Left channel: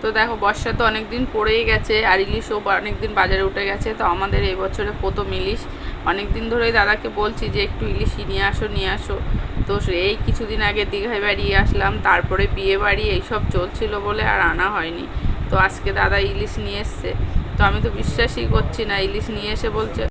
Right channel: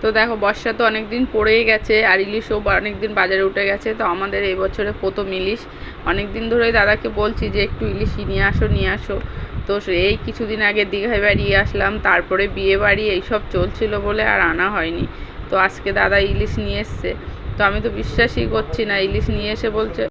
তো দেখো, বর্ষা তো অনেক দিন পড়েই গেছে আর ইলিশও অনেক দিন বাজারে উঠে গেছে। তো আমাদের এই বছরে প্রথম ইলিশ। অনেক দিন ধরেই দাদাকে বলছি যে, একটু ইলিশ নিয়ে আসো নিয়ে আসো। তো এই কিছুদিন আগে দীঘায় বাড়িয়ে আসলাম, তারপরে বিয়ে বাড়ি, এইসব চলছিল বলে আর আনা হয়নি। তো আজকে দাদা ইলিশ নিয়ে এসছে। তো আমি তো বিশ্বাসই করছি না, ইলিশ নিয়ে এসে বলছে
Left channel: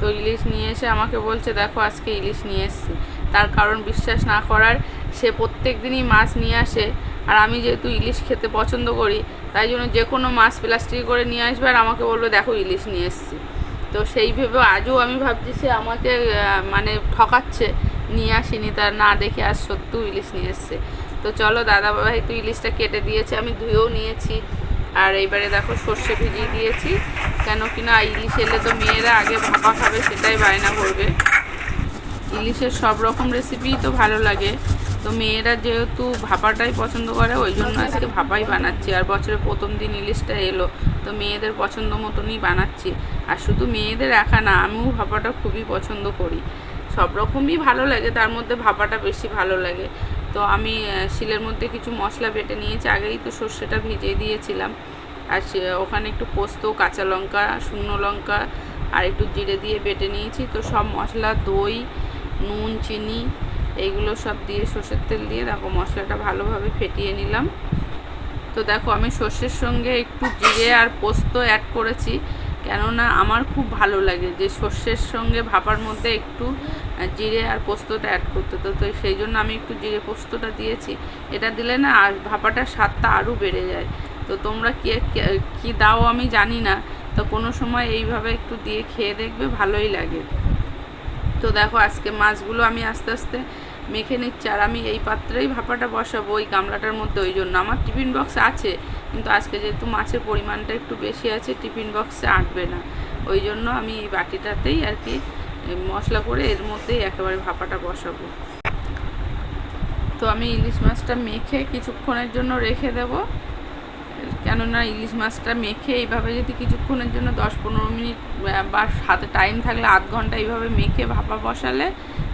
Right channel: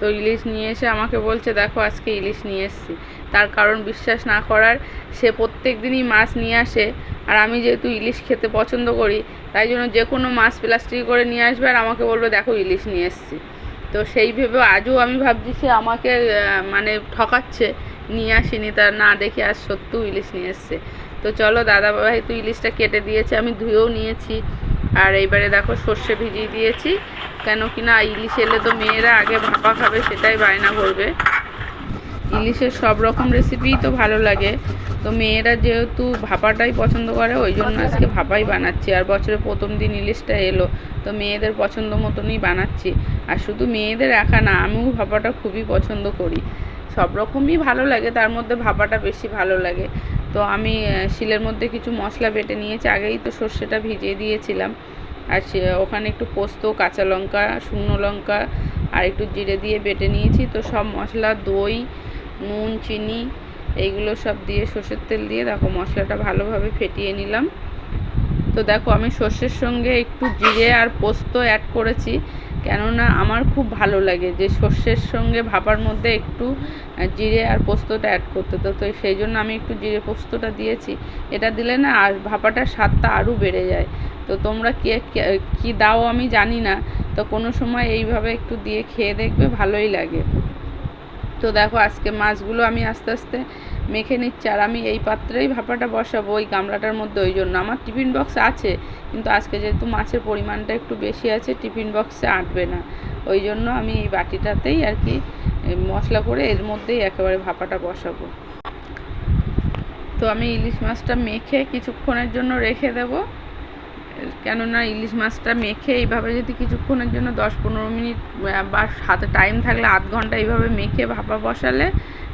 তো ইলিশ নিয়ে এসে আমাকে বলছে, দেখো, আজকে ইলিশ নিয়ে এসছি। তার কারণ বিশ্বাস না করার সে প্রত্যেক দিনই মাছ নিয়ে আসে। আর আমি যেহেতু ইলিশ খেতে পছন্দ করি, তাই জন্য যে কোনো মাছ প্লাস্টিক করে নিয়ে আসবে আর আমাকে বলবে, দেখো, ইলিশ নিয়ে এসছি। তো সেই ভেবে আজও আমি ভাবছি সে আমাকে মানে ঠকাচ্ছে, নিয়ে আসিনি তার না দেখে আজ সত্যিও ইলিশ নিয়ে এসছে। তো চলো দাদা ভাই তো ইলিশটা কেটে দিয়েছে, আমি ধুয়েও নিয়েছি। আর এইবারে দেখো, সর্ষে ভিজিয়ে দিয়েছি, কেন কি না, ইলিশ এলে তো মেয়েরা আগে ভাপা খাবে, সেটাই বায়না করবে। ইলিশের সব রকম রেসিপিই তো ভালো লাগে। তো মেয়েরা যেহেতু ভাপাটাই পছন্দ করে, ওই জন্য আজকে ভাপাই বানাচ্ছি। আর বছরের প্রথম দিন ইলিশটা এলো, তো মেয়েদের পছন্দ মতনই বানাচ্ছি। আর শুধু মেয়েদের একা না, আমিও ভাপাটা খুবই পছন্দ করি। সব রকমই ভালো লাগে, তার মধ্যে ভাপাটা বেশি ভালো লাগে। তো আমি শিলের মধ্যে কিছু মশলা বেটে নিয়েছি, আগেই তো সর্ষেটা ভিজিয়ে দিয়েছিলাম। আর ওখানে একটু পোস্ত, কাঁচা লঙ্কা, শুকনো লঙ্কা, আর একটু জিরে দিয়ে বেটে নিয়েছি। তো সব মশলা, দই, নুন, চিনি এইগুলো সব দিয়ে সর্ষের তেল দিয়ে দেখো মশলাটা ভালোভাবে ফেটিয়ে নিলাম। তো দেখো আমি সর্ষের সঙ্গে একটু জিরে আর পোস্ত অ্যাড করেছি, কেননা আমার খুব ভালো লাগে যে সর্ষের সঙ্গে ভাপার মধ্যে একটু জিরে আর পোস্তটা অ্যাড করতে। তো তো সেই জন্য আমি একটু জিরে পোস্তটা দিয়েছি। এটা দিলে না আর ভাপাটার স্বাদটা আরও বেড়ে যায়। তো তোমরা কে, কী দাও আমি জানি না। তো কোনো সময় এইভাবে একটু দিয়ে খেয়ে দেখবে ভালোই লাগে। তো দেখো আজকে মাছগুলো আমি আস্তে আস্তে মেখে নিচ্ছি, আর আমি এই পাত্রেই ভাপাটা বসাবো ওই গামলাটার মধ্যে ওই জন্য। আমার টিফিন বক্স আছে, কিন্তু আজকে যেহেতু মাছের পরিমাণটা একটু বেশি আছে, টিফিন বক্সে আঁটবে না। ওই জন্য আমি এই বাটিটাতেই আর কি মশলা করে এর মধ্যেই একেবারে ভাপাটা বসাবো। তো আমি ইলিশ মাছটা মেখে কিছুক্ষণের জন্য রেখে দেবো। কেননা ইলিশ মাছটা মেখে এইভাবে যদি কিছুক্ষণের জন্য দশ পনেরো মিনিট বা হাতে টাইম থাকলে আধ ঘণ্টা এইভাবে মেখে ভাপা বসালে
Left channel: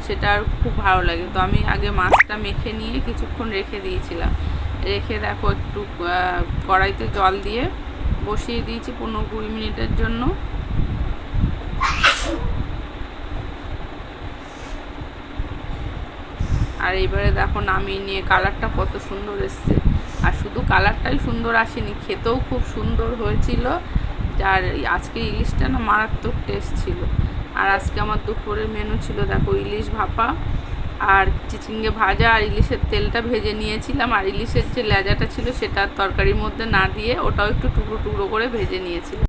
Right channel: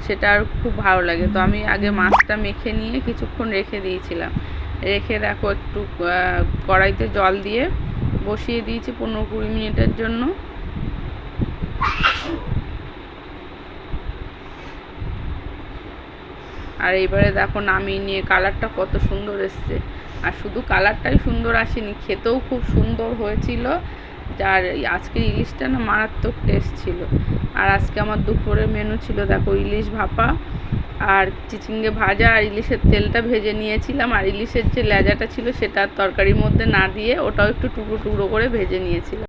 সেটা আর খুব ভালো লাগে। তো আমি আগে মাছটা মেখে নিয়ে কিছুক্ষণ রেখে দিয়েছিলাম। রেখে দেখো একটু কড়াইতে জল দিয়ে বসিয়ে দিয়েছি পনেরো কুড়ি মিনিটের জন্য। আর এইবারে দেখো নামিয়ে নিয়ে কালারটা কত সুন্দর এসছে। আর শুধু কালারটাই সুন্দর আসেনি, খেতেও খুব সুন্দর হয়েছিল। যার আজকে ইলিশটা না মারাত্মক টেস্ট ছিল। আর আজকে আমার দুপুরের মেনু ছিল দেখো ইলিশ ভাপা আর চিচিঙ্গে ভাজা আর ইলিশের তেলটা ভেজে নিয়েছিলাম। আর ইলিশের যে লেজাটা ছিল সেটা তরকারির মধ্যে না দিয়ে ওটাও একটু টুকরো টুকরো করে ভেজে নিয়েছিলাম।